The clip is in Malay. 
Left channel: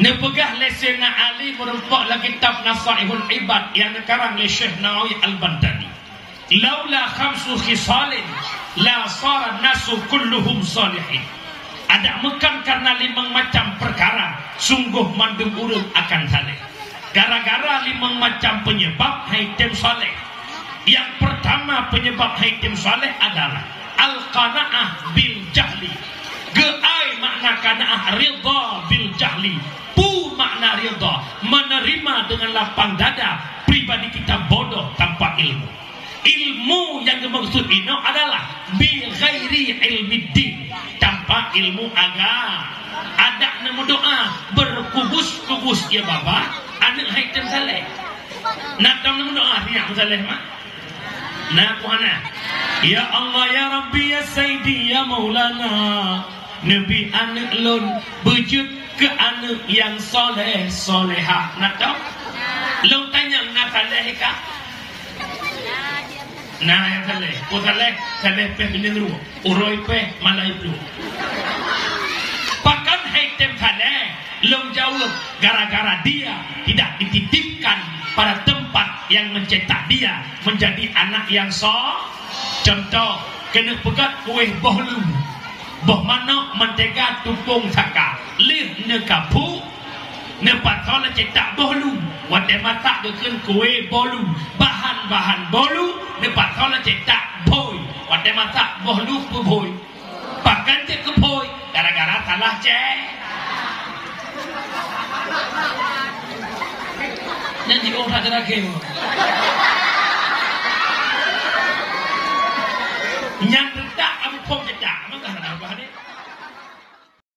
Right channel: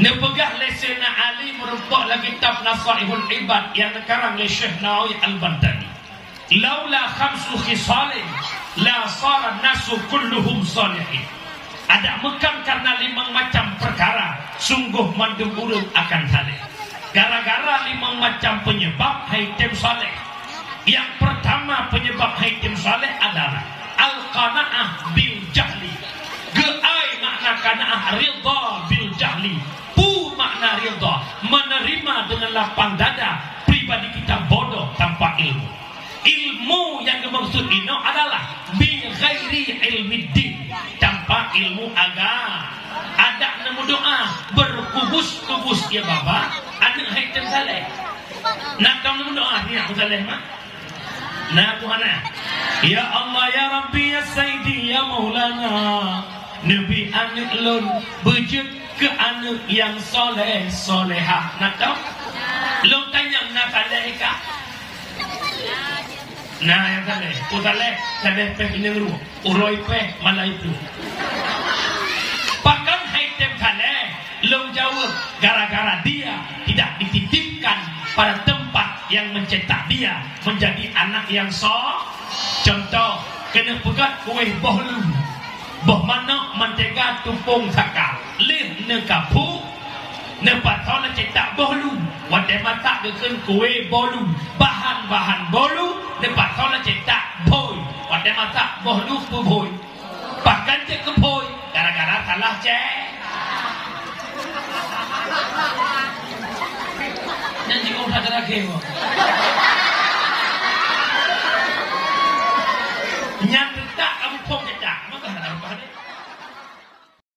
Nepegah lesena Ali merupakan lagi kitab Nasaihul Ibad yang karang oleh Syekh Nawawi Al-Bantani. Laula khamsu khisalin la sara nasu kulluhum salihin. Ada bukan karena 5 macam perkara sungguh mandung urut akan saleh. Gara-gara 5 macam penyebab haitim saleh. Yang pertama penyebab haitim saleh adalah al-qanaah bil jahli. Geai makna qanaah, ridha bil jahli. Pu makna ridha, menerima dengan lapang dada pribadi kita bodoh tanpa ilmu. Ilmu yang dimaksud ini adalah bi ghairi ilmiddin, tanpa ilmu agama. Ada nemu doa berkubus-kubus ya baba, ada haitan saleh. Nak kamu doa dia saleh mah. Nah Tuhan, ya Allah ya Rabbi ya Sayyidi ya Maulana, Nabi anak lun bujud ke anak yang soleh solehah. Nak tahu? Lun tanya nak saleh kah? Nah yang saleh, saleh peh penyengru, uroi peh mana itu? Bahkan haitem saleh, lun jauh gara-gara dia tidak dititipkan pada tempat yang mencetak dia menjadi anak yang contoh kena pegat kuih bohlu boh mana mentega tupung saka lih ne kapu ne patona cetak bohlu wate mata deken kuih bolu bahan-bahan bolu ne patona cetak boy wate mata bohlu boy bahkan cek ke boy gara-gara salah cek nanti kau tak lagi. Yang tak kamu pun tak, maka ada apa ni?